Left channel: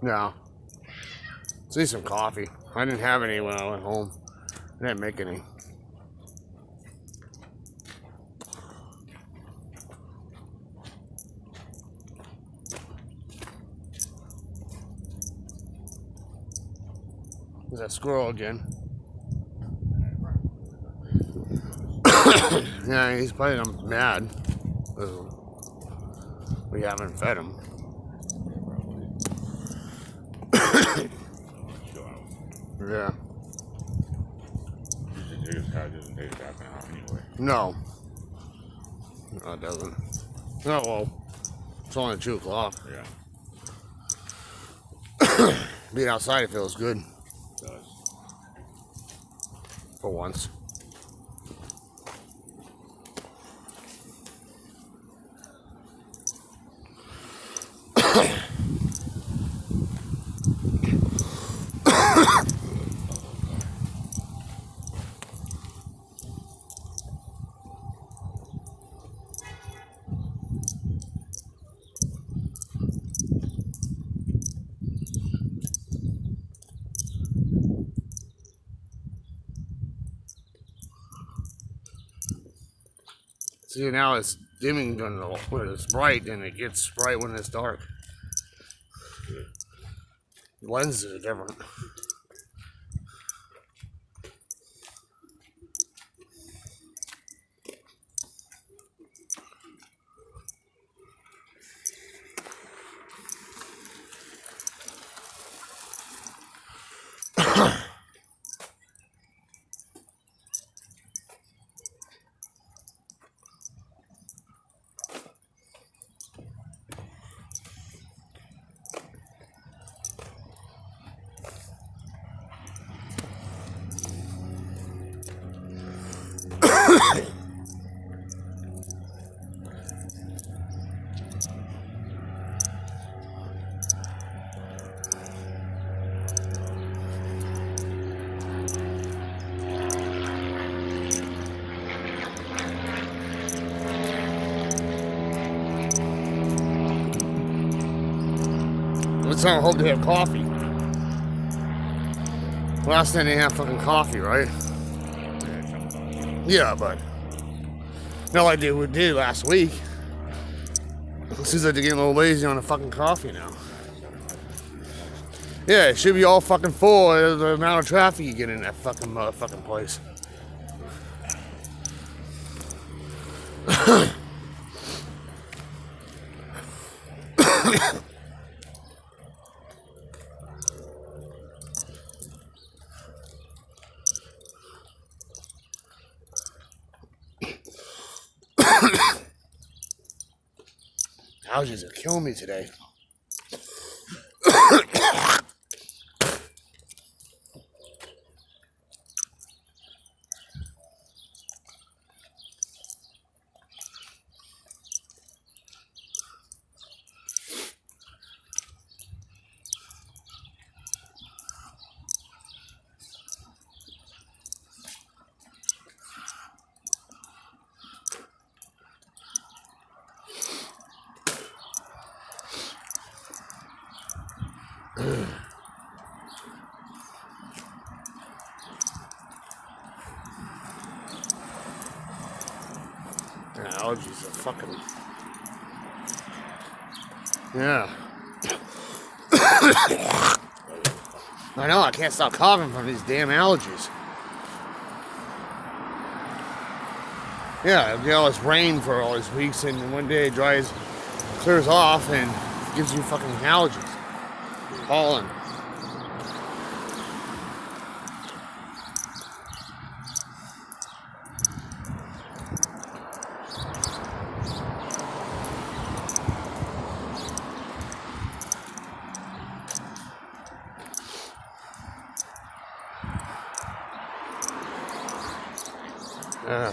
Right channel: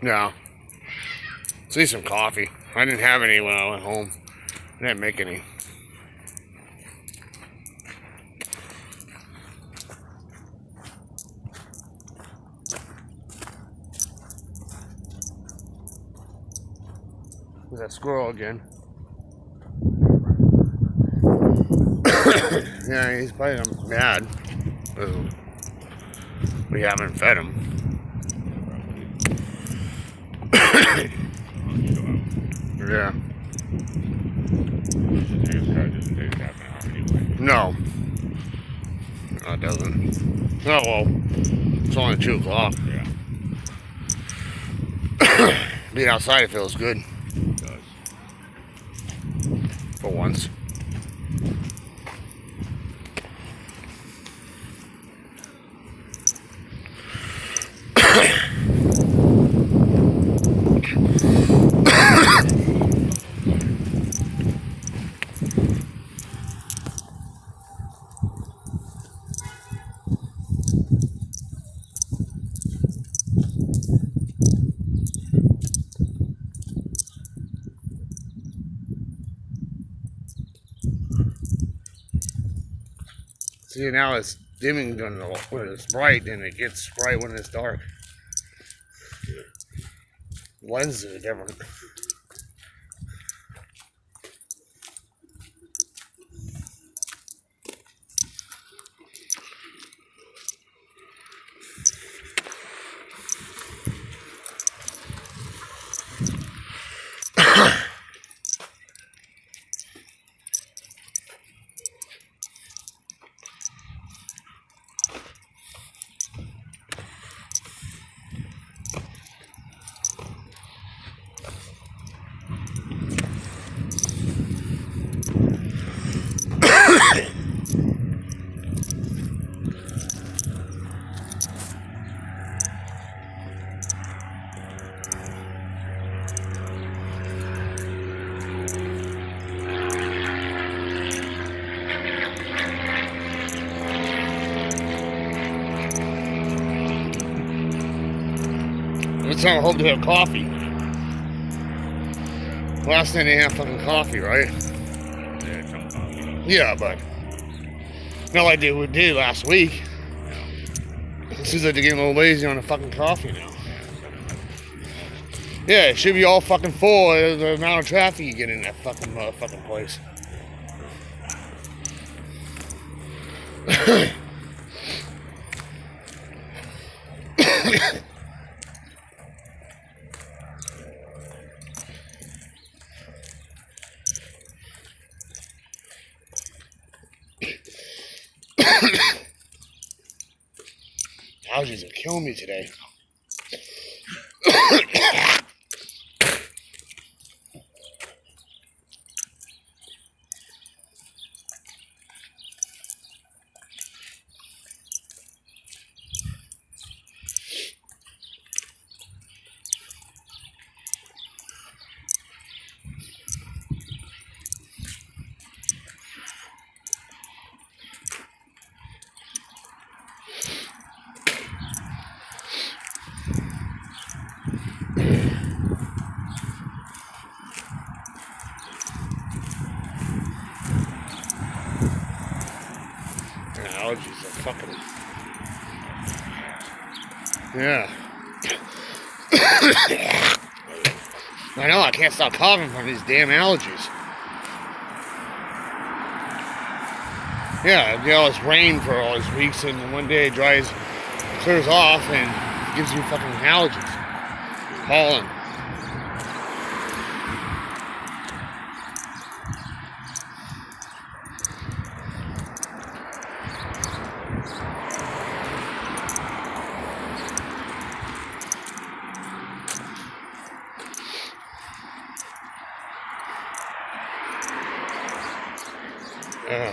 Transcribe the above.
No. Let's need some coffee. I didn't have any when I went home. I didn't make any. There's that squirrel again. Yeah, he's probably mad. We haven't fed him. Yeah. His car doesn't take half an hour anyway. No. No, it doesn't. Oh, well. It's only 2 o'clock. Yeah. Being outside, it feels good. It does. For once. See, now it's dimming when it's bright, and it gets bright when it's dark. The lenses are different. Let's not hope to have coffee. Last night they have fucking coffee, right? Yeah, some coffee. Yeah, but not like they did last week. It seems like they're getting a little lazy on the fucking coffee now. Yeah, it should be all fucking full of the amount of traffic you get in that fucking motherfucking place. Allergies are killing me today. Allergies are fucking. Yeah. I know, I can't stop coughing from these damn allergies. Yeah, we get all this rain for all these weeks, and one day it clears off, and gives you fucking allergies. Pollen. Yeah.